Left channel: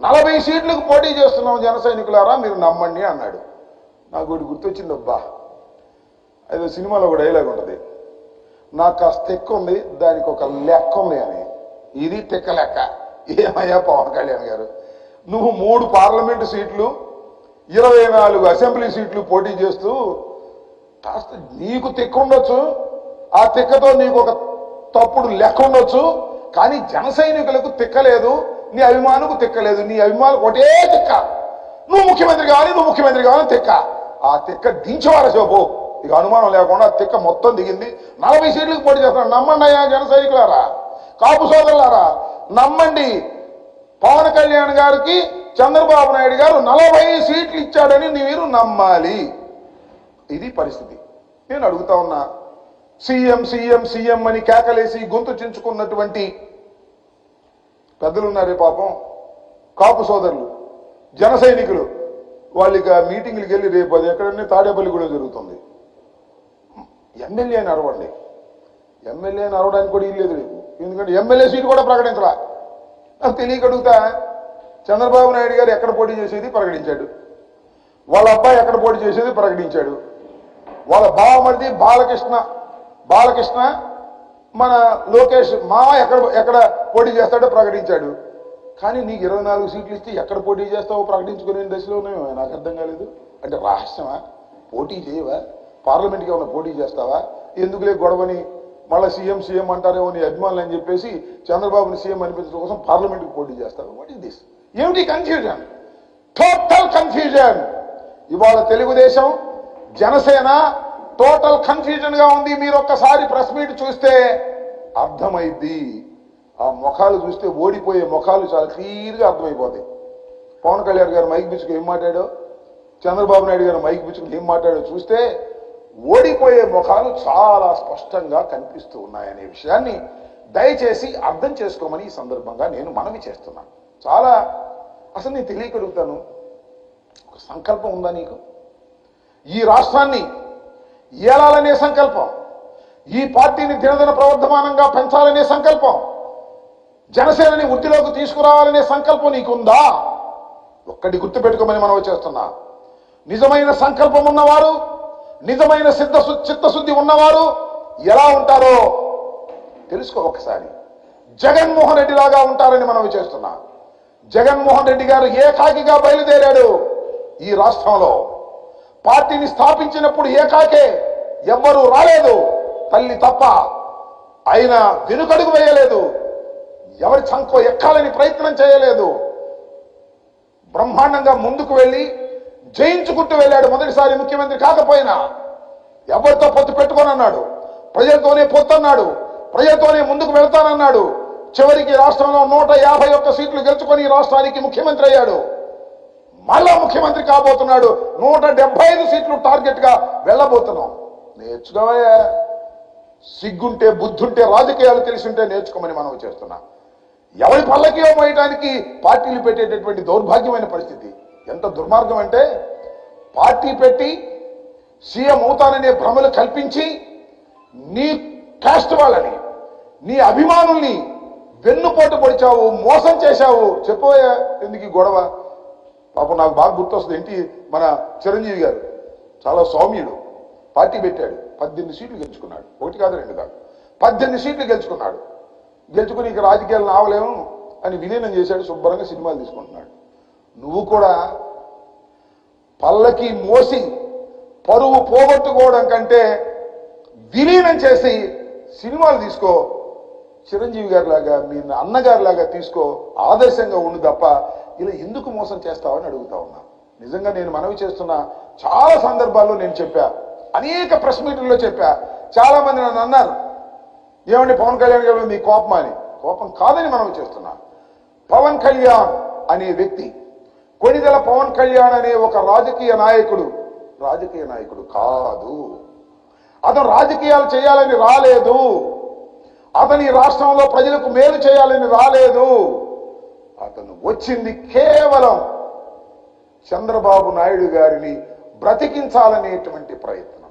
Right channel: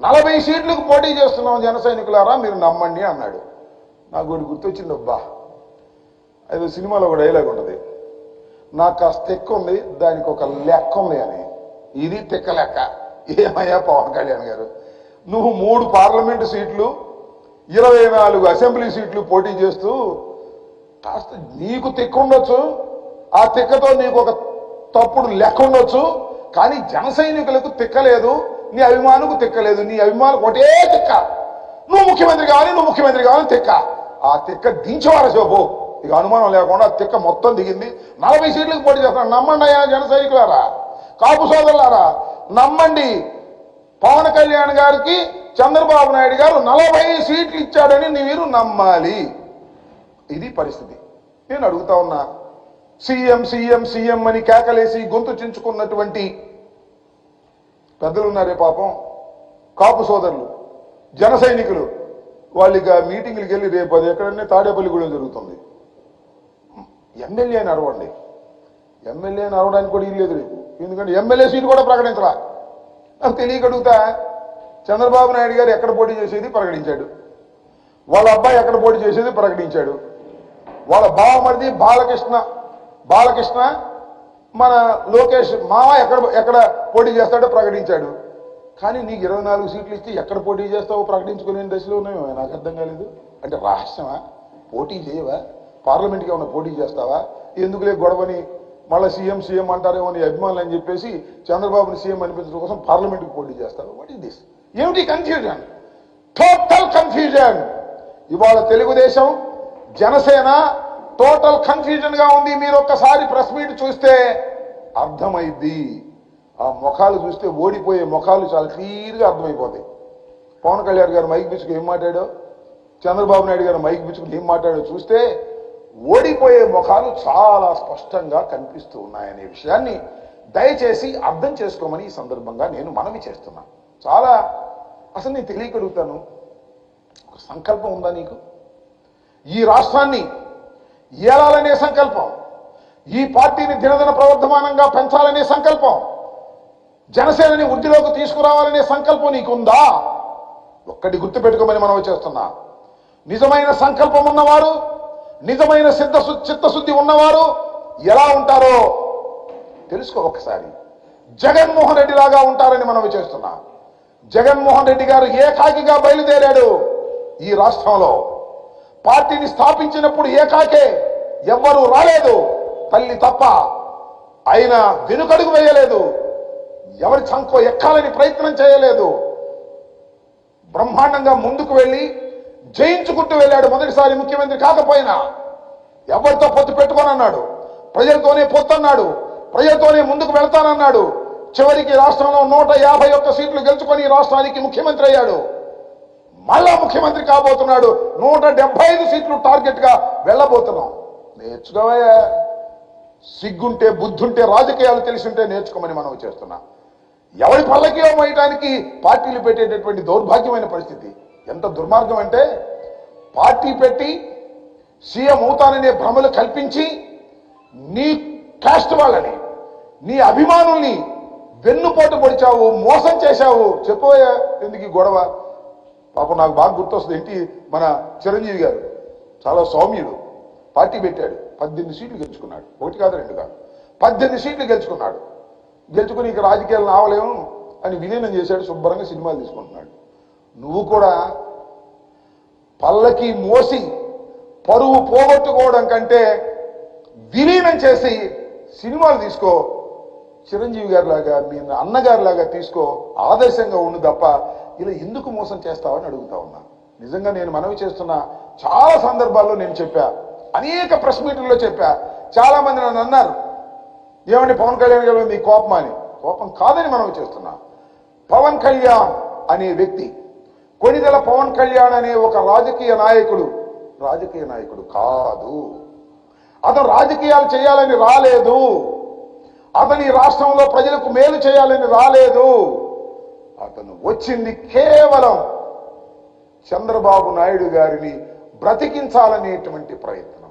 40 సీట్లకు పోటీ చేస్తున్నాం జన సైనికులారా మీరు నమ్మండి అన్నాడు. నాకు ఒకటి గుర్తొచ్చింది, అబ్బా ఏదో సినిమాలో ఒక డైలాగ్ ఉంటుంది, నాకు కాస్త తెక్క ఉంది దానికి ఒక లెక్క ఉంది అని. ఇది తెక్క లెక్క. ఏమయ్యా పవన్ కళ్యాణ్ గారు, నువ్వు 3 పార్లమెంటు సీట్లు 24 అసెంబ్లీ సీట్లు పోటీ చేస్తూ కాస్త నీకు తెక్క ఉండొచ్చు, ఆ తెక్కతో నీకు ఒక తప్పుడు లెక్క ఉండొచ్చు, కానీ జన సైనికులకు తెక్కలేదు, నీ అభిమానుకు తెక్కలేదు. నీ అభిమానులకు ఒకటే తెక్క, నువ్వు ముఖ్యమంత్రి కావాలని తెక్క. ఆ తెక్క దించేవారా చెప్పు, ఇక అనుమానం లేకుండా తెక్క మొత్తం దిగింది. 40 సీట్లకు పోటీ చేస్తున్నాడు. నమ్మండి అయ్యా జన సైనికులారా, కాపు సోదరులారా, నమ్మండి. పవన్ కళ్యాణ్ గారికి చంద్రబాబు నాయుడు గారు 40 సీట్లు ఇచ్చాడని మీరు నమ్మాలి. ఇది పరిస్థితి. నేను అడుగుతా ఉన్నా, సీఎం సీఎం సీఎం అని కేకలేసి గొంతు చించుకున్నటువంటి పెద్దలు ఉన్నారే పాపం, కాపు సోదరులు, జన సైనికులు, వాళ్ళకి ఆ మీటింగ్లకు వెళ్ళి రేపు అది ఎక్కడన్నా తాడేపల్లి కూడా జరుగుతుంది. ఎమ్మెల్యే అని అరవండి, ఎమ్మెల్యే అని అరవడానికి కూడా ఇల్లేదు రేపు, ఎందుకంటే ఎమ్మెల్యే సీటు కూడా ప్రకటించరా. నాకు తెలియక అడుగుతా, చంద్రబాబు నాయుడు గారు ఎక్కడ పోటీ చేసేది ప్రకటించాడు, వాళ్ళ అబ్బాయి ఎక్కడ పోటీ చేసేది ప్రకటించాడు, వాళ్ళ బావమరిది బాలకృష్ణ మన లోకేష్ మామ ఎక్కడ పోటీ చేస్తాడో ప్రకటించాడు. కానీ నీకు 24 సీట్లు ఇస్తే ఎక్కడ పోటీ చేస్తావో ప్రకటించుకునే దశలో ఉన్నాయో నాకు అర్థం కాలేదు. అంటే రహస్యమా? పోటీ చేయవా? పార్లమెంట్కి ఏమైనా పోటీ చేస్తావా? ఎందుకులే గొడవని మళ్ళీ సీఎం అంటారేమో నీ అభిమానులు అని చెప్పేసి చంద్రబాబుని సీఎం అనిపించడం కోసం పార్లమెంట్కి పోటీ చేస్తావు. What is this? ఏమిటి కన్ఫ్యూజన్? Total confusion. ఇవాళ తెలుగుదేశం జనసేన టోటల్ కన్ఫ్యూజన్ గా ఉంది. మీరు ఒక్కసారి ప్రెస్ మీట్ చూస్తే అర్థమైద్ది. ఆ ముఖాలు చూస్తే ఓడిపోయే ముఖాలు చాలా క్లియర్గా అర్థమైపోతాయి. పవన్ కళ్యాణ్ గారు మైక్ పిచ్చుకు ఏం మాట్లాడో, చంద్రబాబు నాయుడు గారు మైక్ పిచ్చుకు ఏం మాట్లాడో చూస్తే ఓడిపోయే ముఖాలు చాలా స్పష్టంగా కనిపిస్తూ ఉన్నాయనే విషయాన్ని దయచేసి అర్థం చేసుకోమని ఈ సందర్భంగా నేను మనవి చేస్తున్నాను. చాలా అసలు నేను తెలియగలుగుతాను, ఒక సంకల్పం ఉందా నీకు? ఈ రాష్ట్రాన్ని ఏలాలనే సంకల్పం, ఈ పార్టీని దినదిన ప్రవర్ధమానంగా పెంచాలనే సంకల్పం, జనసేనని వృద్ధిలోకి తీసుకురావాలనే సంకల్పం నీకుందా? ఒక్కటి గుర్తుపెట్టుకోమని మనం చేస్తున్నా. నిజమైన సంకల్పం ఉన్నవారు, నిజమైన చిత్తశుద్ధి ఉన్నవారు ఎలా ఉంటారో తెలుసుకో ఒకసారి. జగన్మోహన్ రెడ్డి లాగా ఉంటారని మనం చేస్తున్నా. జగన్మోహన్ రెడ్డి గారు ఏకాకిగా బయలుదేరాడు ఈ రాష్ట్రంలో. పార్టీని స్థాపించినప్పుడు ఏకాకే, ఎవ్వరూ రాలేదు, తల్లి తప్ప. ఆయన వెనుకడుగు వేయలేదు, ఎవరి చంకో ఎక్కాలని ప్రయత్నం చేయలేదు. బ్రహ్మాండంగా ముందుకు వెళ్ళి జయించుకుంటూ వెళ్ళాడు. మొదటిసారి ముఖ్యమంత్రి కాకపోయినా ఎవరితో పొత్తు పెట్టుకోనన్నాడు, ప్రజలతోనే పొత్తు అన్నాడు, ప్రజలతోనే ముందుకు వెళ్తానన్నాడు. చివరికి రాష్ట్రంలో 151 సీట్లు గెలుచుకొని రాష్ట్రానికి ముఖ్యమంత్రి అయ్యాడు. మళ్ళా ముఖ్యమంత్రి కాబోతున్నాడు. 175 సీట్లు టార్గెట్ గా వెళ్ళబోతున్నాం. నేర్చుకోవయ్యా, సిగ్గుంటే బుద్ధుంటే రాజకీయాలు తెలిసింటే నేర్చుకోమని మనం చేస్తున్నా. ఎవరి పల్లకి మోయడానికి పార్టీలు పెట్టేటటువంటి దౌర్భాగ్యమైన పరిస్థితి. ఎంత దుర్మార్గం అంటే, పార్టీ పెట్టి సీఎం అవుతాననే భ్రమలు కల్పించి నీ కాస్ట్ వాళ్ళని, నీ అభిమానుల్ని వెన్నుపోటు పొడిచావు, మోసం చేశావు. చెప్పబోయా ఎందుకు ఈ గొడవ? పాపం నాకు బాగా గుర్తొస్తుంది. ఏంటి మన చిరంజీవి గారు చాలా సౌమ్యుడు, పార్టీ పెట్టాడు, 18 సీట్లు గెలుచుకున్నాడు. 1 కాదు 2 కాదు, 18 సీట్లు గెలుచుకున్నాడు. గెలుచుకుని ఇక రాజకీయాలు రావలేము అని విలీనం చేశాడు. శుభ్రంగా సినిమాలు తీసుకుంటున్నాడు. నువ్వు కూడా పల్లకి మోసి పరువు పోగొట్టుకోవడం కంటే విలీనం చేసి సినిమాలు తీసుకో. చిరంజీవి గారి లాగా, మీ అన్నగారి లాగా తీసుకో, ఆదర్శంగా ఉండు తప్ప ఇలా ఎందుకు మోసం చేస్తావని అడుగుతా ఉన్నా. నిజంగా నేను మనవి చేస్తున్నా. చాలా సందర్భాల్లో నేను చెప్పా, అనేక ప్రెస్ మీట్లలో చెప్పా. చాలా మంది నన్ను అన్నారు, ఏమండి పవన్ కళ్యాణ్ గారు మీ కోపం అని. కోపం కాదని మనవి చేస్తున్నా. పవన్ కళ్యాణ్ అనే వ్యక్తి, కొణిదెల పవన్ కళ్యాణ్ అనే ఒక రాజకీయ నాయకుడు కాదు. అతను రాజకీయాలు చేయాలని రాలేదు. అతని రాష్ట్రంలో ప్రజలకు మేలు చేయాలని రాలేదు. అతను వచ్చింది కేవలం చంద్రబాబు నాయుడు గారిని బ్రతికించాలనేటువంటి ప్రయత్నం.